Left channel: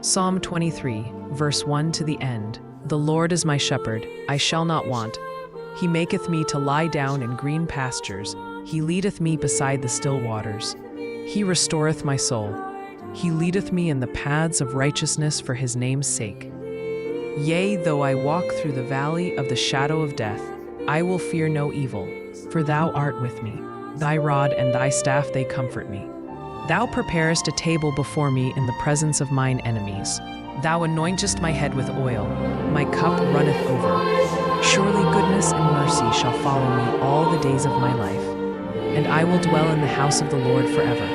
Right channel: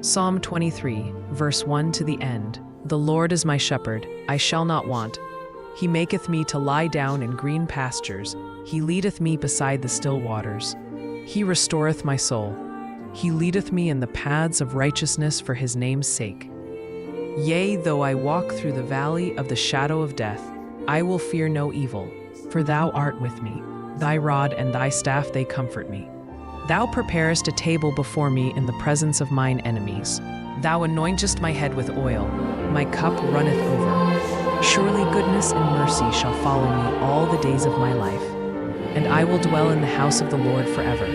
Psalm 23, verse 1 to the end. The Lord is my shepherd, I shall not want. He maketh me to lie down in green pastures. He leadeth me beside the still waters. He restoreth my soul. He leadeth me in the paths of righteousness for his name's sake. Yea, though I walk through the valley of the shadow of death, I will fear no evil, for thou art with me. Thy rod and thy staff, they comfort me. Thou preparest a table before me in the presence of mine enemies. Thou anointest my head with oil, my cup runneth over. Surely goodness and mercy shall follow me all the days of my life, and I will dwell in the house of the Lord forever.